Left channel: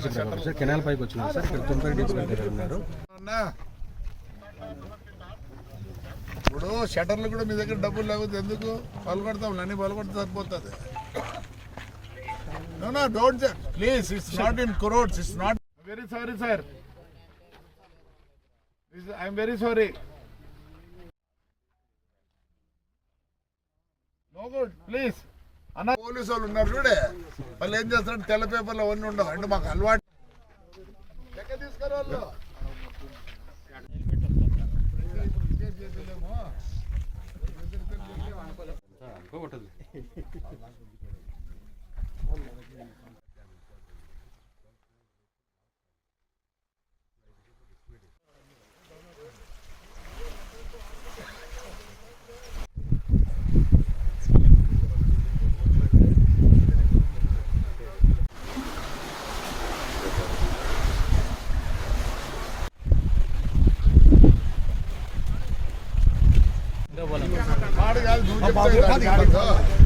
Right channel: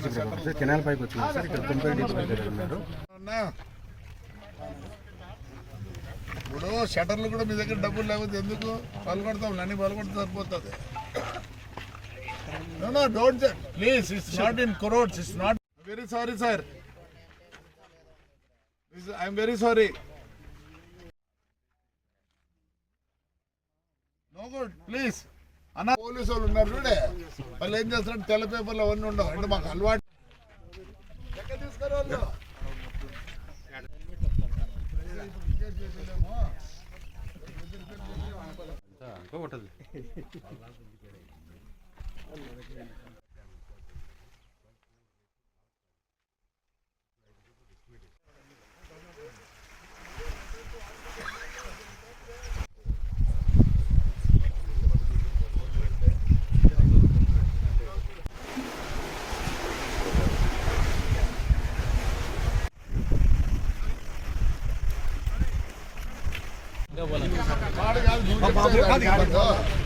ఆదేశం ప్రకారం sir canal పైకి వచ్చింది. సార్ ఇక్కడ తొంభై ఉన్నారు ఇప్పుడు షటర్లు కూడా మీ దగ్గర డబ్బులు లేకపోతే ఎందుకు? పలుగొడతాం నన్ను పలుగొడితే సరిపోతుంది. No don't please it's not in crowds it's not very sorry sir I'm very sorry no good please అన్న పోలీసు వాళ్ళు ఉన్నారు చూడే. వాళ్ళు ఏం చేస్తారు తెల్ల పేపర్లు అవన్నీ ఉండవు. అంటే మాకు అలవాటు. ఎక్కడ తీసుకురా వాళ్ళు?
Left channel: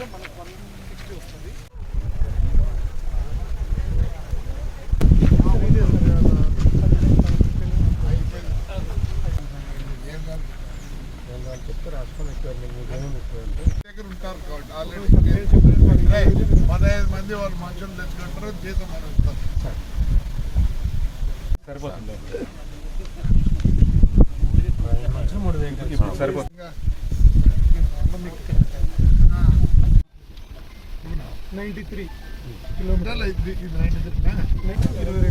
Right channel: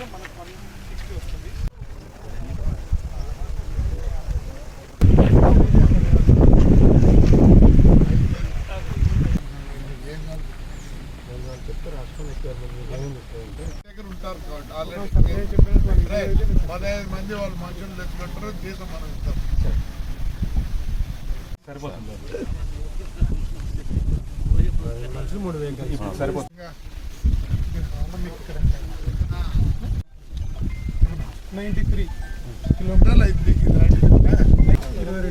వాడు కాదు, నువ్వు చెప్తే కాదు. దగ్గర ఉంటారు కాబట్టి ఆల్రెడీ పదహైదు మంది వాళ్ళు మనుషులు తెచ్చుకుంటారు జీతం మనం ఇస్తాం. సరిపోతుంది. మూడు వేలు సరిపోతుంది నైంటీ త్రీ కిలోమీటర్లు. ఐదు ఇది రండి ఇరవై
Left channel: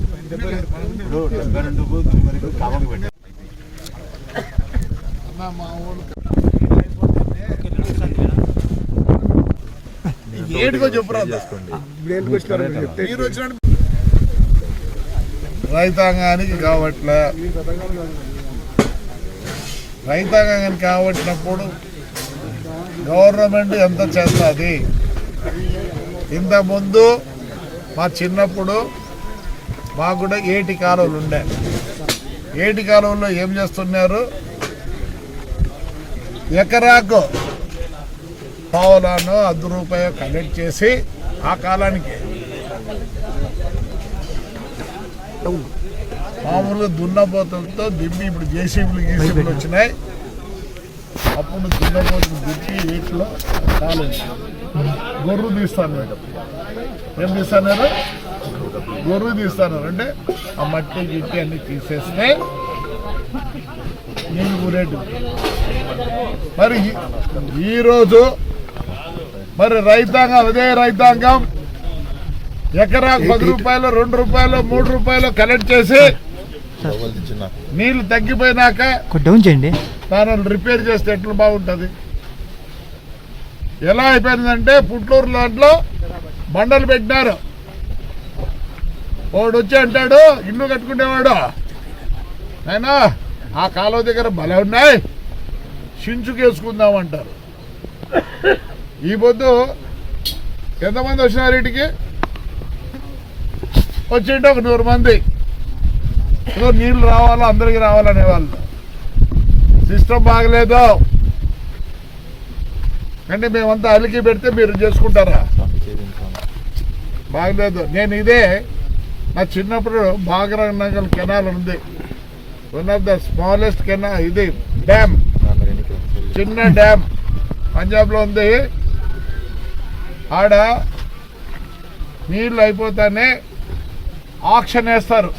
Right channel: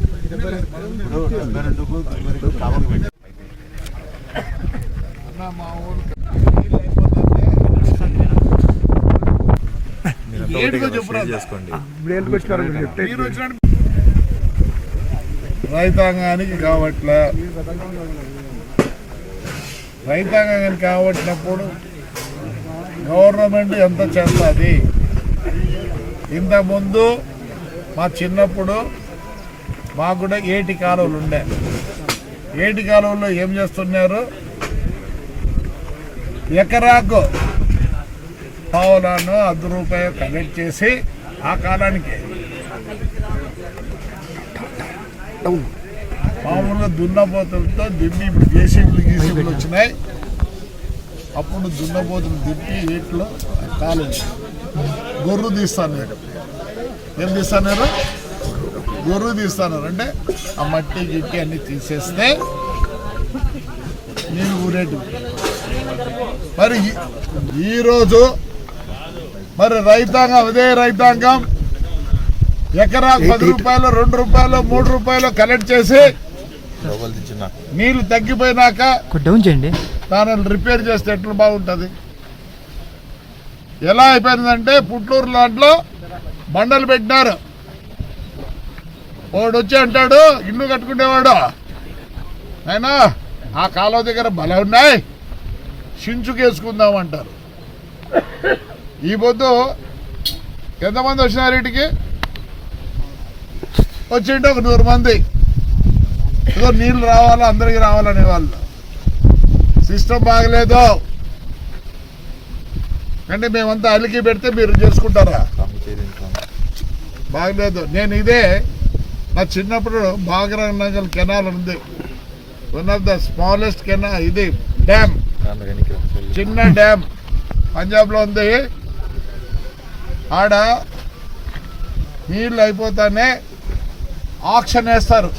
అన్న మా ఊళ్ళు ఏడుకో చెప్పురా రైతాంగానికి కావట్లే. రైతాంగానికి కావట్టినప్పుడు గవర్నమెంట్ ఎంత చేస్తుంది? ఇంతకుముందు మా చిన్నప్పుడు మాకు కూడా ఏటి కాలువలు ఉండే. ఏటి కాలువల్లో ఏం చేస్తున్నారు? ఎకరాకు పావులాను అర్ధ రూపాయ కలెక్ట్ చేసి ఆ కాలానికి మామూలుగా దున్నపోతులతో దింపి ఇప్పుడు జేసీబీలు గీసీబీలు వచ్చినాయి. అప్పుడు దున్నపోతులు దింపి వీటిలో కాలు గొర్రు తీస్తాను ఏం తీస్తాను గొర్రు తీస్తాను అంటే ఆ మట్టి గిట్టి అన్ని తీసేస్తే నీళ్ళు ఊరేటు. మరి ఈ- ఈరోజు మరి రైతాంగం అదే రైతాంగం ఎకరా పది రూపాయలు రెండు రూపాయలు మూడు రూపాయలు కలెక్ట్ చేసి నీళ్ళు తగ్గిపోయినాక డౌన్ చేయండి. దానిని రిపేర్ చేస్తే ఎట్లా బాగుంటుంది? ఎలా అయిపోయిందంటే పుట్లూరు దాంట్లో బండలు పెట్టినారు. వాడు వచ్చి అంటాడు ఇల్లు కట్టుకునేవాడు అయినా ఆ కాలువ దగ్గర బలం ఉన్నాయి. చించుకేసుకుందాం అంటారు ఈ పొద్దు ఎంతమంది వచ్చినారు ఇటుకి? వచ్చింటే ఒక నూరు మంది. ఏదో నీళ్ళు రావాలా అందరికి రావాలనే వాళ్ళు. సిస్టమ్ బాగలేదు. అంటే మేమంతా అలికి పెడితే మీరు చేసుకుంటారా? బాగలేదు. నేను ఇదే నా చిన్నప్పుడు భాగరంగల్ కెనాల్ ఉంది. One of the smallest canal ఇది డ్యామ్. చిన్న డ్యామ్. పంజాబ్లో ఉంది. ఆడ నీళ్ళు అయిపోతానే ఆక్షన్ వేస్తారు.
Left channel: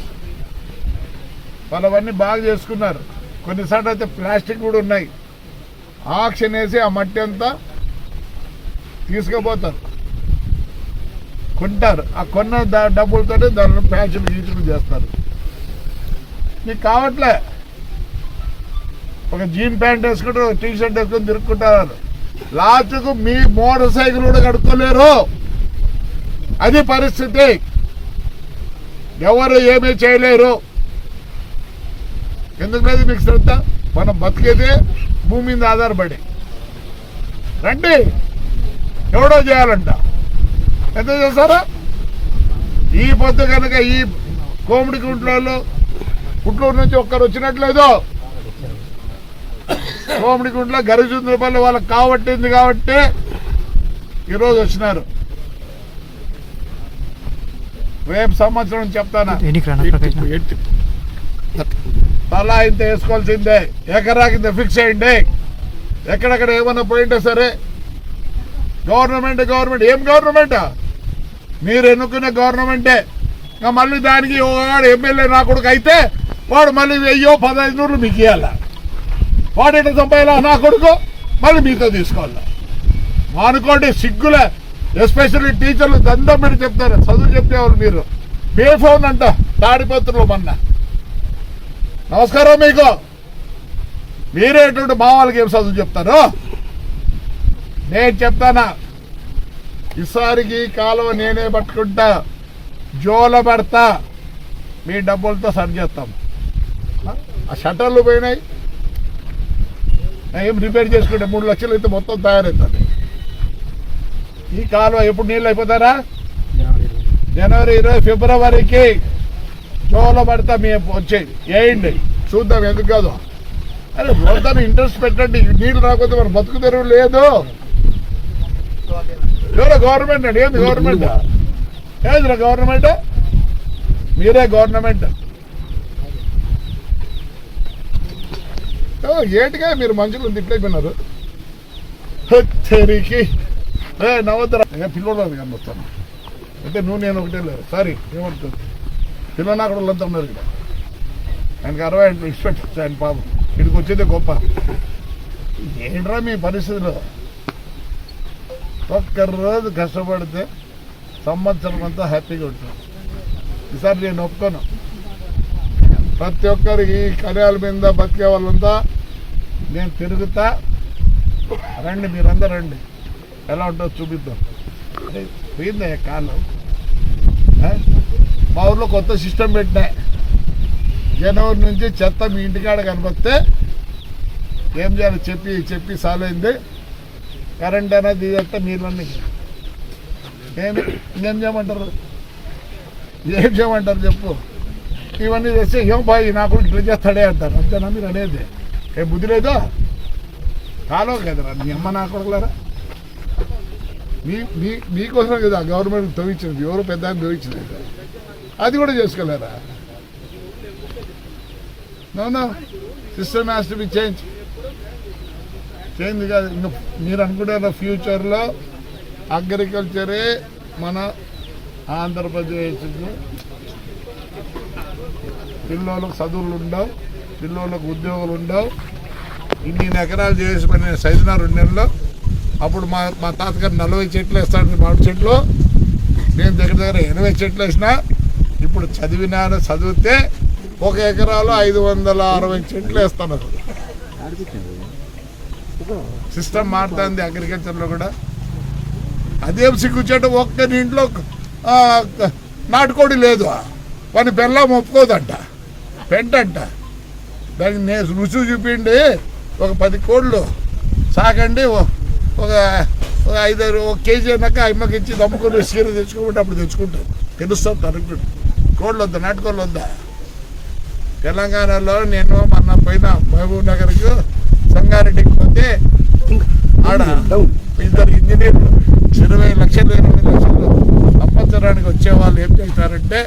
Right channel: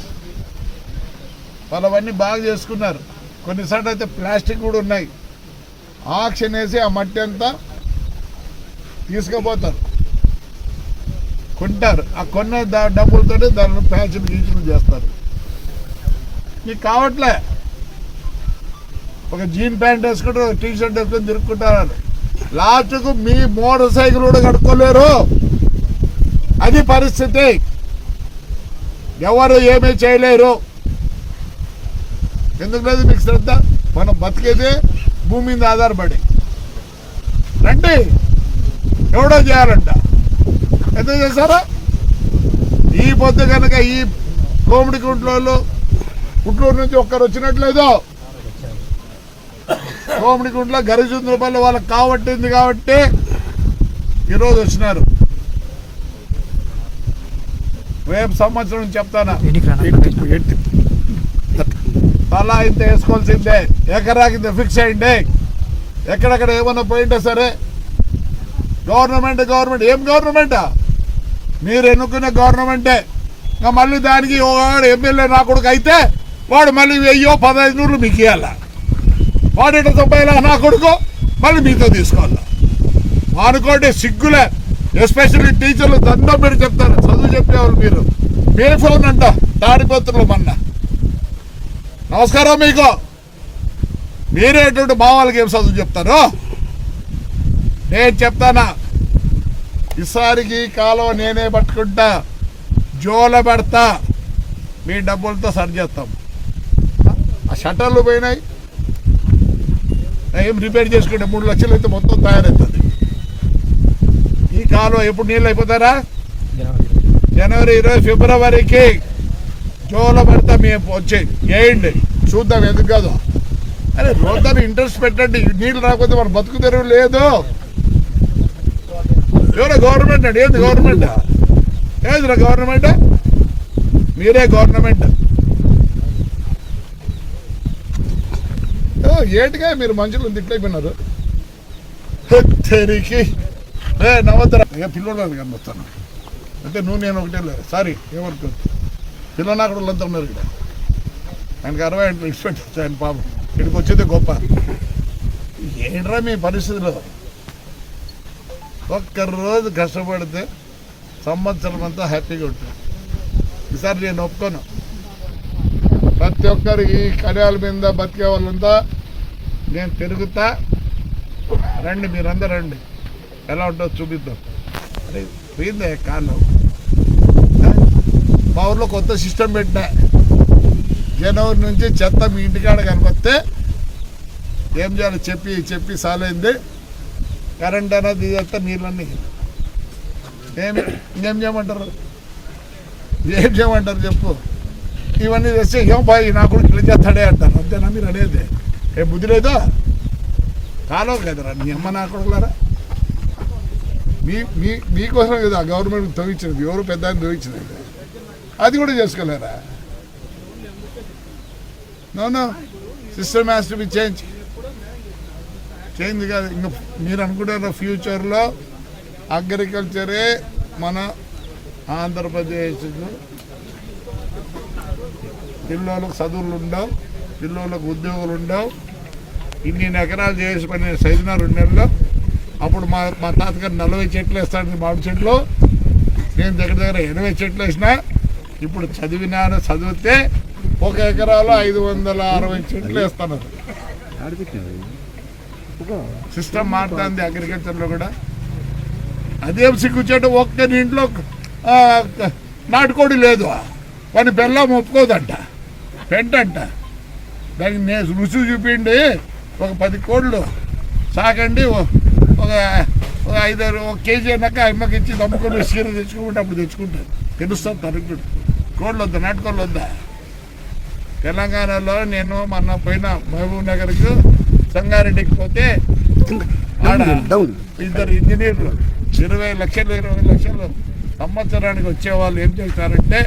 వాళ్ళవన్నీ బాగా చేసుకున్నారు. కొన్నిసార్లు అయితే ప్లాస్టిక్ కూడా ఉన్నాయి. ఆక్షన్ వేసి ఆ మట్టి అంతా తీసుకుపోతారు. కొంటారు. ఆ కొన్న డబ్బులతో డబ్బులతోనే దానిలో ప్యాచులు గీచులు చేస్తారు. మీకు కావట్లే. ఒక జీన్ ప్యాంట్ వేసుకుంటారు ఒక టీ షర్ట్ వేసుకొని తిరుక్కుంటారు. లాస్ట్కు మీ మోటార్ సైకిల్ కూడా కడుక్కోలేరు. అది పరిస్థితి. ఎవరు ఏమీ చేయలేరు. ఎందుకు లేదు మీకు శ్రద్ధ? మనం బతికేదే భూమి మీద ఆధారపడి. రండి. ఎవడో చేయాలంట. ఎంత చేస్తారా ఈ పొద్దు కనుక ఈ కోమిడి గుంట్లో గుంటూరు నుంచి ఒక్కరు వచ్చినట్లేదు. కోమిడి గుంట్లో గరిచుంద్రపల్లి వాళ్ళకి కావట్టింది కాబట్టి ఈరోజు వచ్చినారు. రేపు సంవత్సరం చెప్తానా? తలా ఇంత వేసుకోవాల్సిందే. ఎకరాకి ఇంత ఫిక్స్ అయ్యింది ఎక్కడెక్కడ ఏమన్నా పోయింటే సరే గవర్నమెంట్ గవర్నమెంట్. ఏం గవర్నమెంట్? మీరు ఎన్నుకున్న గవర్నమెంటే. ఇంకా మళ్ళీ దానికి ఒకడు ఎమ్మెల్యే నా కొడుకు అయితే వాడు మళ్ళీ వెయ్యో పదహైదు నూరులు మీకు ఇవ్వాల వాడు ఎట్లా నా కొడుకు? మళ్ళీ మీతో తీసుకోవాలా. అనుకోండి సిగ్గులే. ఎస్పెషల్లీ టీచర్లు దండం పెట్టి చెప్తారు. చదువు చెప్పేవాళ్ళు మీరు. పే ఫోన్ అంట తాడిపత్రులు మొన్న. నమస్కారం మీకు. మీరే ఎటువంటి మా వాళ్ళకి ఏం చదువు చెప్తారు? నేను చెప్తానా? ఈసారికి ఈ కాలువ నేనే పట్టుకుంటా జోల పడతా మీ డబ్బులతో సరి చేస్తాం. ఆ షట్టర్లు పోయినాయి. ఏం రిపేర్ చేసుకుంటే మూడు లక్షలు అయితే మొత్తం తయారవుతుంది. ఈ కాలువ ఎప్పుడు నీళ్ళు అయిపోతారా? జనవరి ఇరవై ఫిబ్రవరికి జోలో పడతా మేము వచ్చేది. వేయండి చూద్దాం ఎందుకు కాదు. అరే రోజున ఇంట్రెస్ట్ పెట్టండి. నీళ్ళు రాకపోతే మన బతుకు తెరువు లేదు. ఎవరో గవర్నమెంట్ అండి? ఏంది గవర్నమెంట్ ఏదిరా గవర్నమెంట్ మీరే గవర్నమెంట్ ఓ, ఏంటిగా మీరు మనుషులు తిట్లైపోయినారు తెరికి ఏ నవ్వుతారా ఏ పిల్లోడు కనొస్తాను అంటే నువ్వు నేను ఒకటే లేదు. సారీ ఏమనుకోదు పిల్లలు నాకు వాళ్ళంతా ఉన్నారు ఇక్కడ. ఆయనకి అరవై ఆయన ఎక్స్పెక్ట్ వచ్చాయి ఆయన పాపం. ఇక్కడికి వచ్చేదే గొప్ప. ఏంట్రా మీ పరిస్థితులు? ఒక్కరోజు కష్టపడితే సంవత్సరం అంతా హ్యాపీగా ఉంటుంది ఈసారి నేను ఒప్పుకోను. ప్రతి ఒక్కరికి ఈ కళ్యాల మీద బతికే వాళ్ళంతా నేను తిరుగుతా. రండి మీరందరూ రండి. ఎలా ఉంటుందో చూపిద్దాం. పోయిందే కాలం మా ఊర్లో కొత్త సిస్టమ్ పెట్టినా. జనవరి నుంచి చెత్త మీ ఇంటికాడ కనిపిస్తే ఏం చేయాలి చెప్పి చెప్పి సాలైంది. కరెంట్ అనేది ఇదంతా నీళ్ళన్నీ. ఏమి ఇంకేం చేయమంటారు? ఏం చేయమంటారు చెప్పు. ఇవన్నీ చేస్తే ఏం బాయ్ నా కొడుకు ఇట్లా చేస్తాడే అంటారు. అంతేనా మీరు అనేది? ఏ బుద్ధి లేదా? కాలో కదరా మీ అమ్మ నా కొడుకులారా? మీ మీ మీకోసం కదా గవర్నమెంట్ తవ్వించినది ఎవరు పెద్ద ఆయన తవ్వించినది అది కూడా చేసుకోలేరా? No no. System has to be change change కాదు. ఇంకా మీరు అనుకుంటారు ఫ్యూచర్లో అగ్రికల్చరే మన ఆంధ్రప్రదేశ్ పిల్లలకు చదువులు ఉండవు పిల్లలకు ఉద్యోగాలు ఉండవు. ఇన్ని ఎకరాలు చేసి పని సైదున రెండు నెలల్లో అప్పుడు మా మా తాతగారు నలభై చెట్లు వేస్తాడు మామిడి చెట్లు. నేను దగ్గర దగ్గర ఎనభై చెట్లు వేసిన ఇప్పుడు చదివినాను చదివితే ఒక ఎకరాలో ఐదు వందల అరవై చెట్లు వేస్తాను సిస్టమ్ మారుతుంది అగ్రికల్చర్లో కూడా. అదేం సిగ్గుచేట ఒక్క ఇంట్లో నాటుకోడి లేదు. వాని బెల్లం ఒప్పుకోదంట. పెంటంట. దానికి నేను రుచి చూపిండి ఒక పది కోళ్ళు సాకండి ఓ- ఒక ఒక ఐదారు ఒక కేజీ అన్నాక అమ్మకి ఇచ్చి నమ్ముకొని సీర తెచ్చుకోమంటే అప్పుడు తెచ్చుకుంటారు. తెలుస్తుంది తనకు కోళ్ళు వద్దా నాటుకోళ్ళు వద్దా? తెలంగాణలో నేను మొన్న పోయిన మహబూబ్ నగర్కు సంగారెడ్డికి పోతే ఆడ ఇద్దరు ఇంజనీర్లు ఇరవై లక్షలు ఇరవై లక్షలు సంవత్సరానికి వచ్చే వాళ్ళు ఏం చేస్తారంటే